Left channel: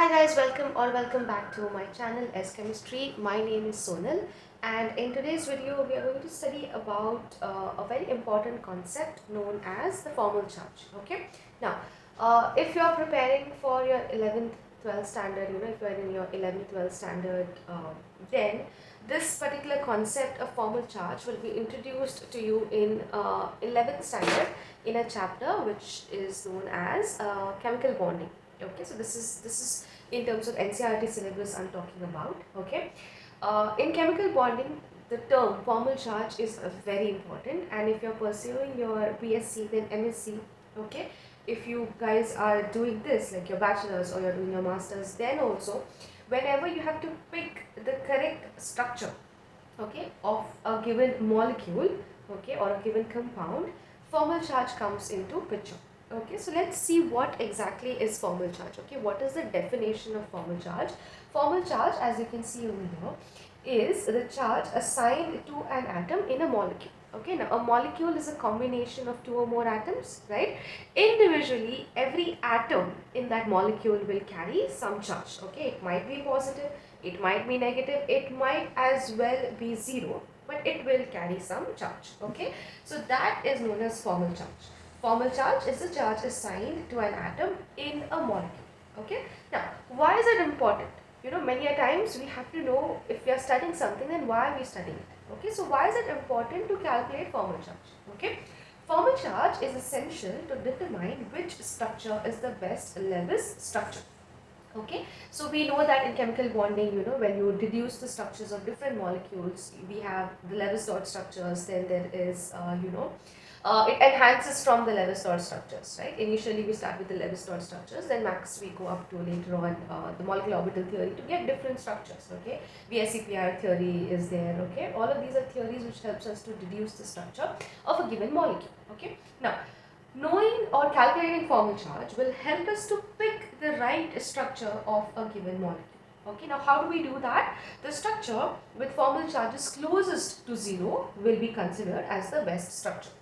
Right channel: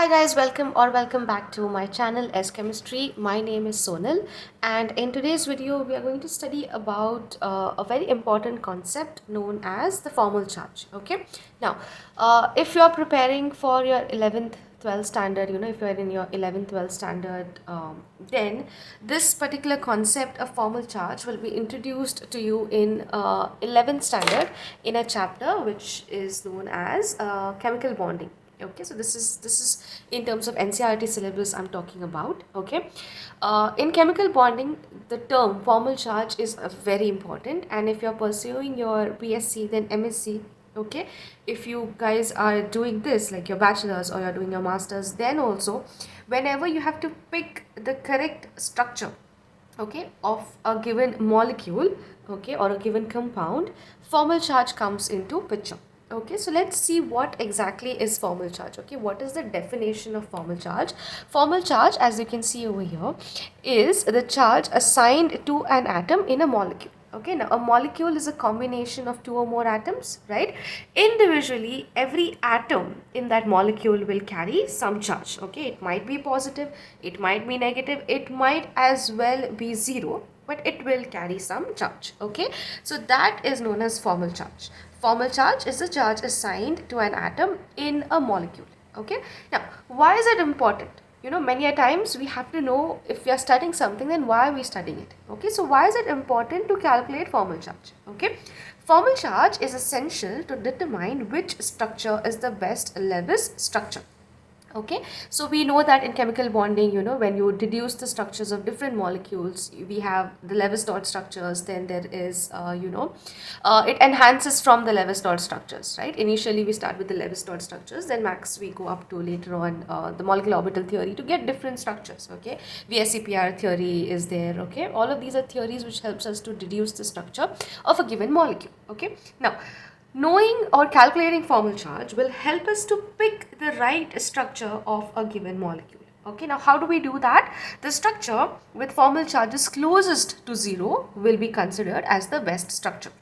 Hi guys, welcome back to my channel S Chemistry. My name is Sonal, and in today's video we are going to study about a very important concept known as the formal charge. Okay, now if you are preparing for your 11th 12th standard, if you are in your 11th 12th standard, then this particular concept of formal charge will be introduced to you in 11th standard in a chapter which is known as chemical bonding. Okay, so this is in terms of NCERT syllabus I'm talking about. Okay, in chemical bonding the term formal charge is very important, and if you're pursuing your BSc then MSc, okay, if you guys are doing this like your bachelor's or you're doing your master's, then also whenever you have to pick the correct structure, okay, of a given molecule, okay, or a given compound, formal charge comes into picture. Okay, so let's see what exactly is formal charge. Okay, what is the definition of formal charge? Formal charge, as you can see over here, is the charge assigned to an atom in a molecule. Okay, now a molecule is a combination of two or more atoms, right? Individually every atom in that molecule will carry some charge. Okay, it might be positive, it might be negative, it might as well be zero, but it will carry some charge. Okay, so that is known as formal charge. Formal charge is the charge assigned to an atom in a molecule. Okay, now why is it important? Many a times we have to know, if we are studying something, then why are we studying it? Okay, so why is it important to calculate formal charge? Okay, formal charge is essential to determine which structure is the best Lewis structure. Okay, so we know that in chemical bonding, when you deduce the structures of different molecules, we have the Lewis dot structures, then there is it enhances from the Lewis dot structures, right? Initially we start with the Lewis dot structures, then max we go up to later on the molecular orbital theory to get different structures. Okay, VSEPR theory is there. Okay, all of these are theories which helps us to deduce the structure of a given molecule. Okay, now knowing or calculating formal charge will help us to pick the right structure of a given molecule. Okay, now how do we do that? The structure with formal charges closest to zero will be considered as the best structure.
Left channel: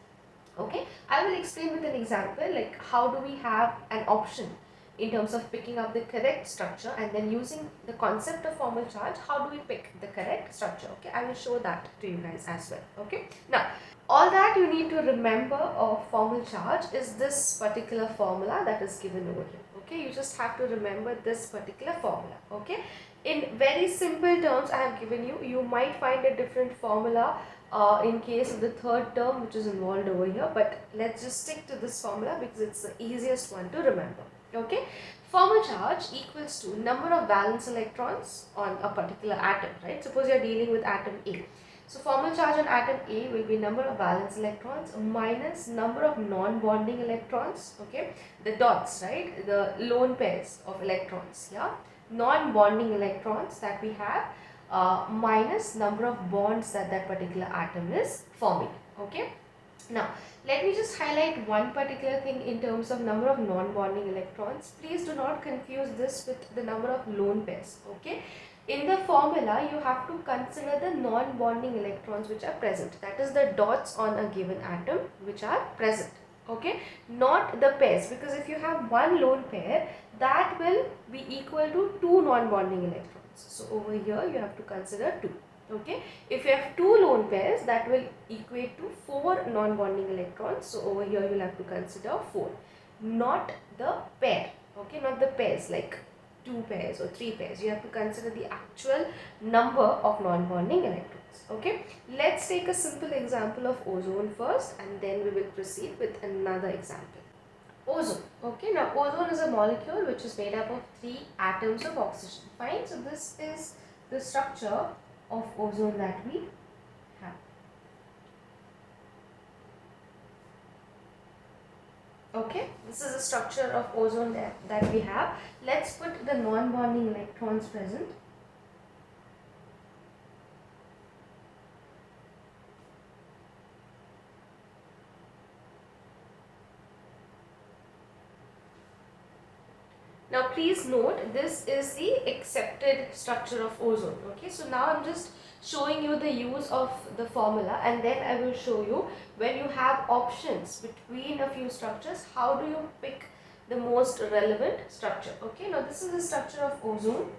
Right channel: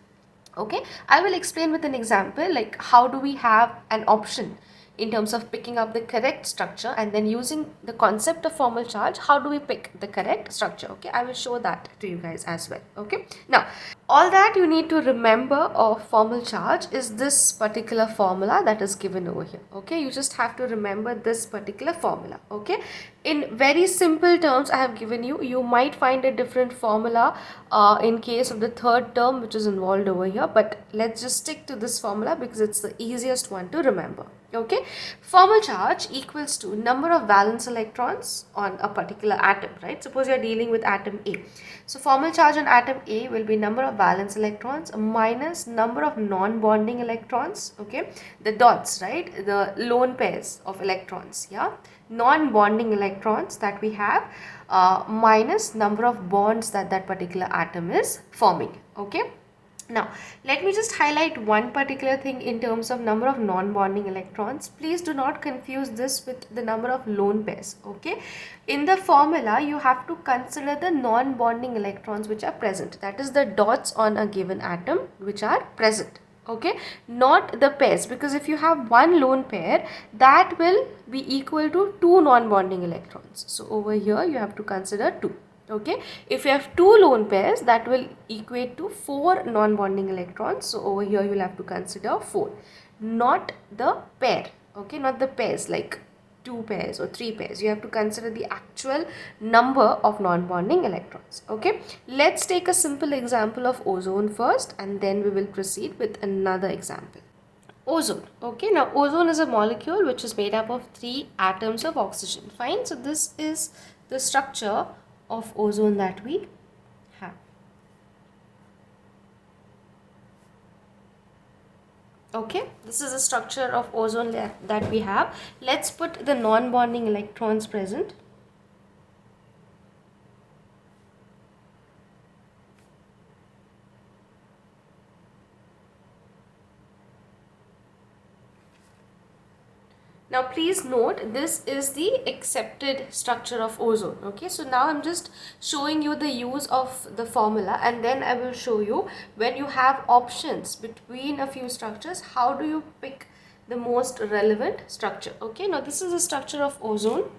Okay, I will explain with an example, like how do we have an option in terms of picking up the correct structure, and then using the concept of formal charge, how do we pick the correct structure? Okay, I will show that to you guys as well. Okay, now all that you need to remember of formal charge is this particular formula that is given over here. Okay, you just have to remember this particular formula. Okay, in very simple terms I have given you. You might find a different formula in case of the third term which is involved over here, but let's just stick to this formula because it's the easiest one to remember. Okay, formal charge equals to number of valence electrons on a particular atom, right? Suppose you're dealing with atom A. So formal charge on atom A will be number of valence electrons minus number of non-bonding electrons. Okay, the dots, right? The lone pairs of electrons, yeah, non-bonding electrons that we have, minus number of bonds that that particular atom is forming. Okay, now let me just highlight one particular thing in terms of number of non-bonding electrons. Please do not confuse this with the number of lone pairs. Okay, in the formula you have to consider the non-bonding electrons which are present, that is the dots on a given atom which are present. Okay, not the pairs, because if you have one lone pair, that will be equal to two non-bonding electrons. So over here you have to consider 2. Okay, if you have two lone pairs, that will equate to 4 non-bonding electrons. So over here you will have to consider 4, not the pair. Okay, not the pairs like 2 pairs or 3 pairs. You have to consider the actual number of non-bonding electrons. Okay, let's take a simple example of ozone first, and then we will proceed with another example. Ozone. Okay, now ozone is a molecule which is made up of 3 atoms of oxygen. Fine, so this is the structure of ozone that we have. Okay, this is the structure of ozone that we have. Let's put the non-bonding electrons present. Now please note, this is the accepted structure of ozone. Okay, so now I'm just showing you the use of the formula, and then I will show you when you have options between a few structures, how do you pick the most relevant structure. Okay, now this is the structure of ozone.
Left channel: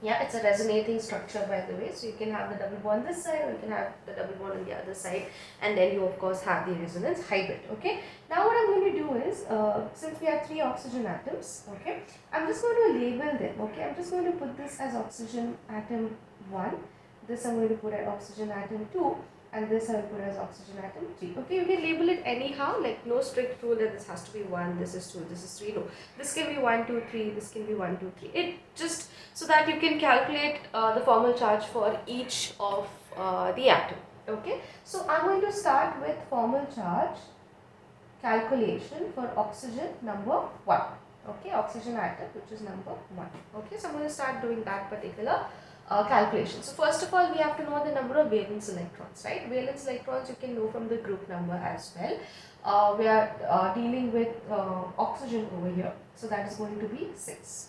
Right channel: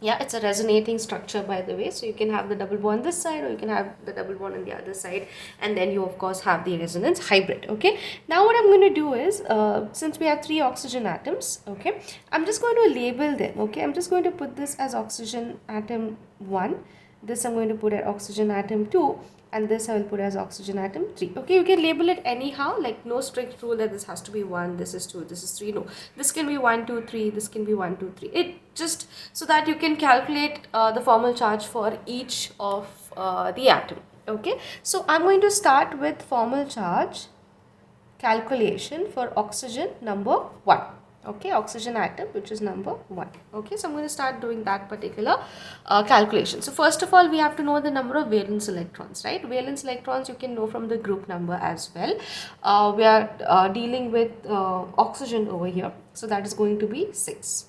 Yeah, it's a resonating structure, by the way, so you can have the double bond this side or you can have the double bond on the other side, and then you of course have the resonance hybrid. Okay, now what I'm going to do is, since we have 3 oxygen atoms, okay, I'm just going to label them. Okay, I'm just going to put this as oxygen atom 1, this I'm going to put as oxygen atom 2, and this I will put as oxygen atom 3. Okay, you can label it anyhow, like no strict rule that this has to be 1, this is 2, this is 3. No, this can be 1 2 3, this can be 1 2 3. It just so that you can calculate the formal charge for each of the atom. Okay, so I'm going to start with formal charge calculation for oxygen number 1. Okay, oxygen atom, which is number 1. Okay, so I'm going to start doing that particular calculation. So first of all, we have to know the number of valence electrons, right? Valence electrons you can know from the group number as well. We are dealing with oxygen over here, so that is going to be 6.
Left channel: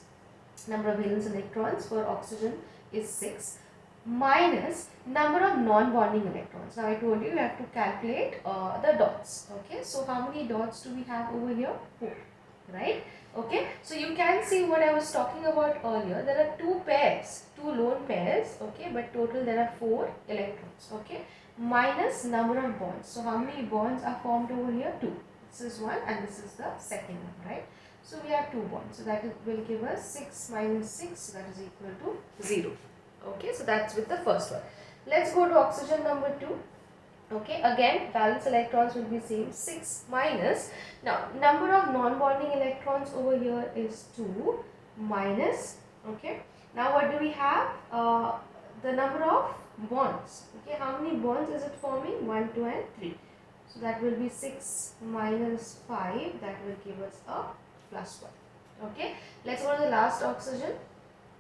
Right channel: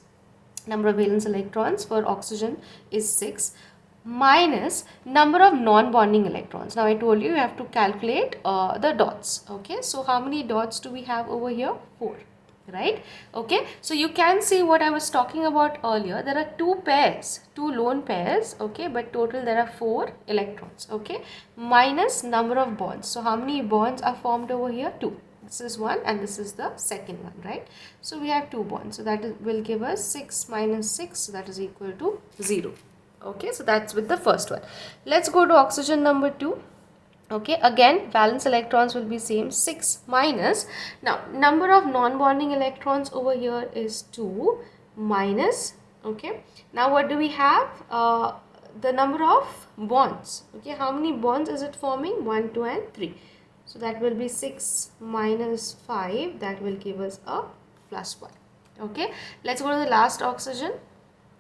Number of valence electrons for oxygen is 6, minus number of non-bonding electrons. Now I told you have to calculate the dots. Okay, so how many dots do we have over here? 4, right? Okay, so you can see what I was talking about earlier. There are 2 pairs, 2 lone pairs, okay, but total there are 4 electrons. Okay, minus number of bonds. So how many bonds are formed over here? 2. This is 1 and this is the second one, right? So we have 2 bonds, so that will give us 6 minus 6, so that is equal to 0. Okay, so that's with the first one. Let's go to oxygen number 2. Okay, again valence electrons will be same, 6 minus, now number of non-bonding electrons over here is 2 minus. Okay, now what do we have? The number of bonds. Okay, how many bonds is it forming? 1 2 and 3. So that will be 6 minus 5, that will give us a plus 1. Okay, let's go to the last oxygen,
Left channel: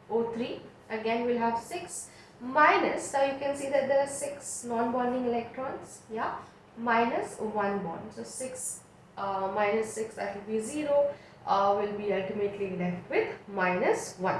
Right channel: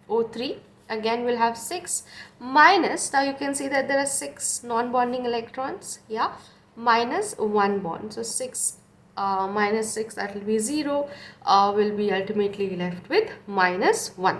O3. Again we'll have 6 minus, now you can see that there are 6 non-bonding electrons, yeah, minus 1 bond. So 6 minus 6, that will be 0, will be ultimately left with minus 1.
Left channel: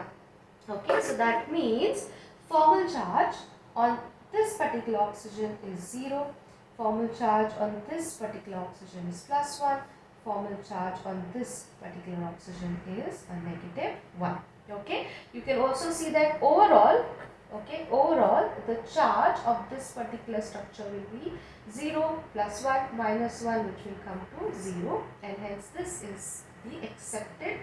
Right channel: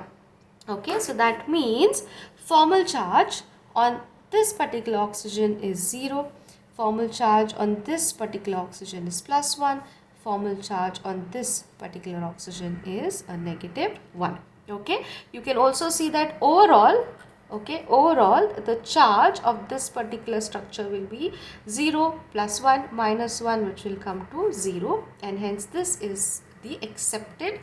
Okay, so that means formal charge on this particular oxygen is 0, formal charge on this particular oxygen is plus 1, formal charge on this particular oxygen is a negative 1. Okay, you can also see that overall, okay, overall the charge of this particular structure will be 0 plus 1 minus 1, which will come to 0, and hence this is the accepted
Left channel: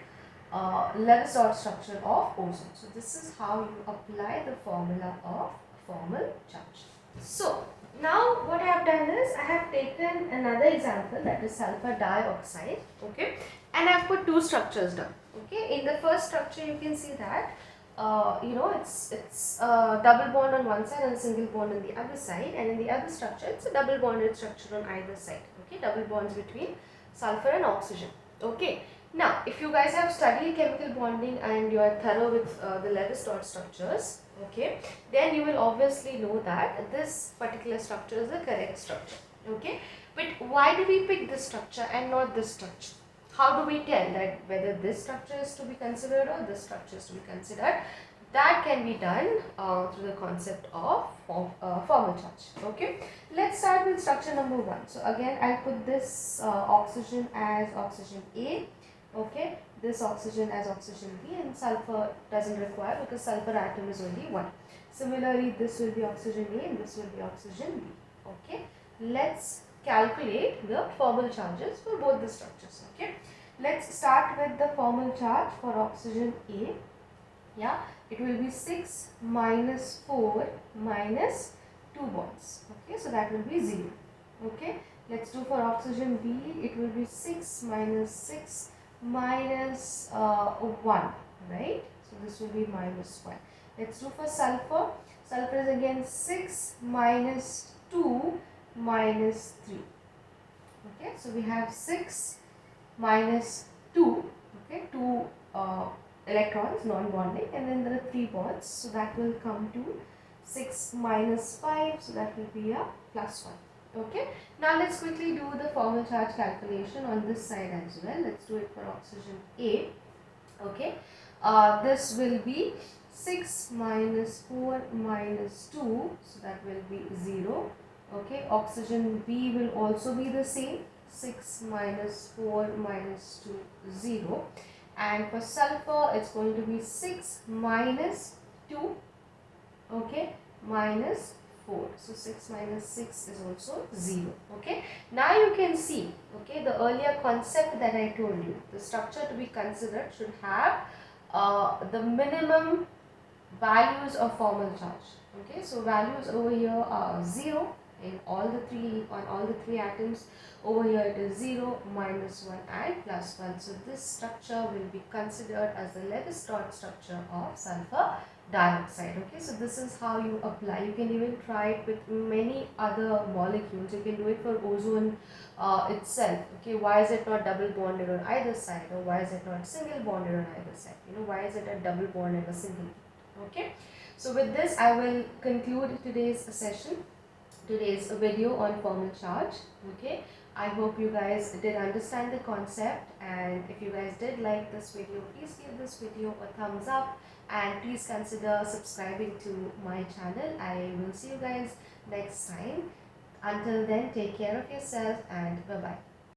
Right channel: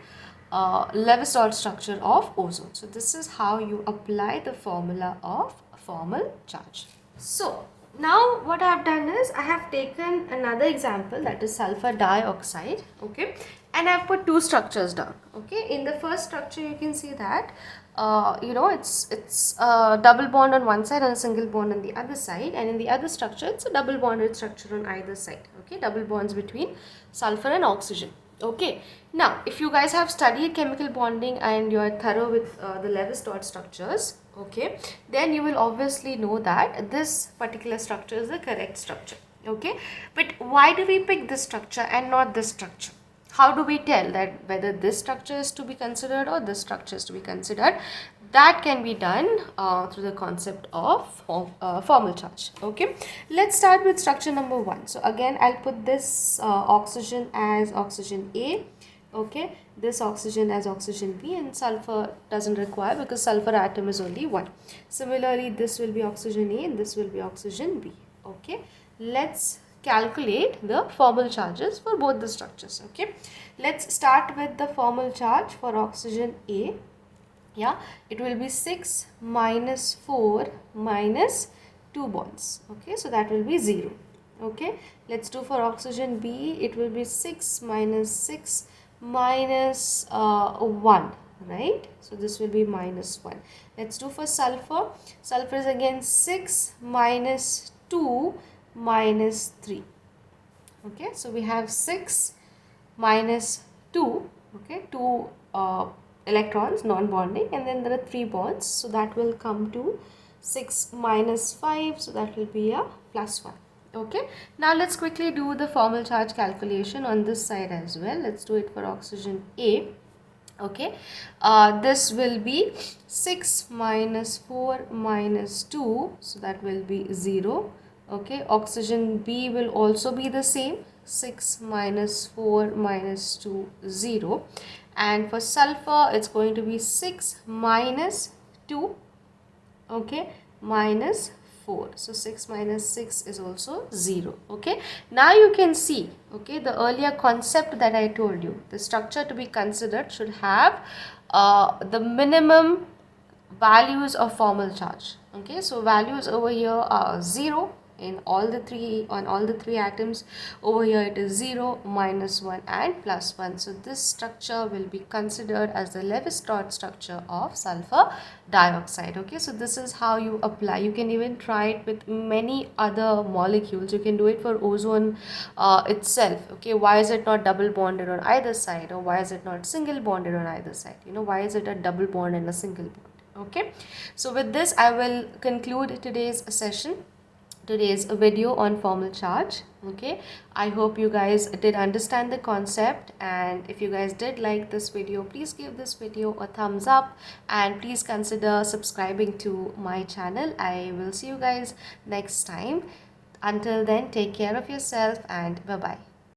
Lewis-Dot structure of ozone. So this is how you apply the formula of formal charge. So now what I have done is I have taken another example, that is sulfur dioxide. Okay, and I have put 2 structures down. Okay, in the first structure you can see that it's a double bond on one side and a single bond on the other side, and in the other structure it's a double bonded structure on either side. Okay, double bonds between sulfur and oxygen. Okay, now if you guys have studied chemical bonding and you are thorough with the Lewis-Dot structures, okay, then you will obviously know that this particular structure is the correct structure. Okay, but why do we pick this structure and not this structure? How do we tell that whether this structure is to be considered or this structure is to be considered? That can be done through the concept of formal charge. Okay, let's start with structure number 1. So again I'll put this oxygen as oxygen A. Okay, this oxygen as oxygen B, and sulfur doesn't require because sulfur atom is only 1. Similarly, this will be oxygen A and this will be oxygen B. Okay, let's calculate the formal charges for both the structures. Okay, let's start with the formal charge for oxygen A. Yeah, it will be 6 minus 4 minus 2 bonds. Okay, so that will be 0. Okay, let's do for oxygen B. It will be 6 minus 6 minus 1, right? So this will be minus 1. Let's do for sulfur. Sulfur is again 6 minus 2 minus 3. Okay, so we have 6 minus 2, okay, 2 electrons non-bonding, and then there are 3 bonds, so that will come to 6 minus 5, so that will be a plus 1. Okay, now let's quickly do the formal charge calculation on this side as well. Let's do it for oxygen A. Okay, this will be 6 minus 4 minus 2, so that will be 0. Okay, oxygen B will also be the same, 6 minus 4 minus 2, 0. And for sulfur, it's going to be 6 minus 2, okay, minus 4. So 6 minus 6 is also 0. Okay, now you can see, okay, the earlier concept that I told you, the structure to be considered should have the minimum values of formal charge. Okay, so values over here are 0 in all the three, on all the three atoms. Over here it is 0, minus 1 and plus 1. So this structure will be considered as the Levi-Strauss structure of sulfur dioxide. Okay, so this is how you apply. You can even try it with many other molecules. You can do it for ozone itself. Okay, why is it not double bonded on either side, or why is it not single bonded on either side? You know, why is it a double bond and a single bond? Okay, so with this I will conclude today's session, today's video on formal charge. Okay, I hope you guys did understand the concept, and if you guys did like this video, please give this video a thumbs up and please consider subscribing to my channel. I will see you guys next time. Until then, take care of yourself and bye bye.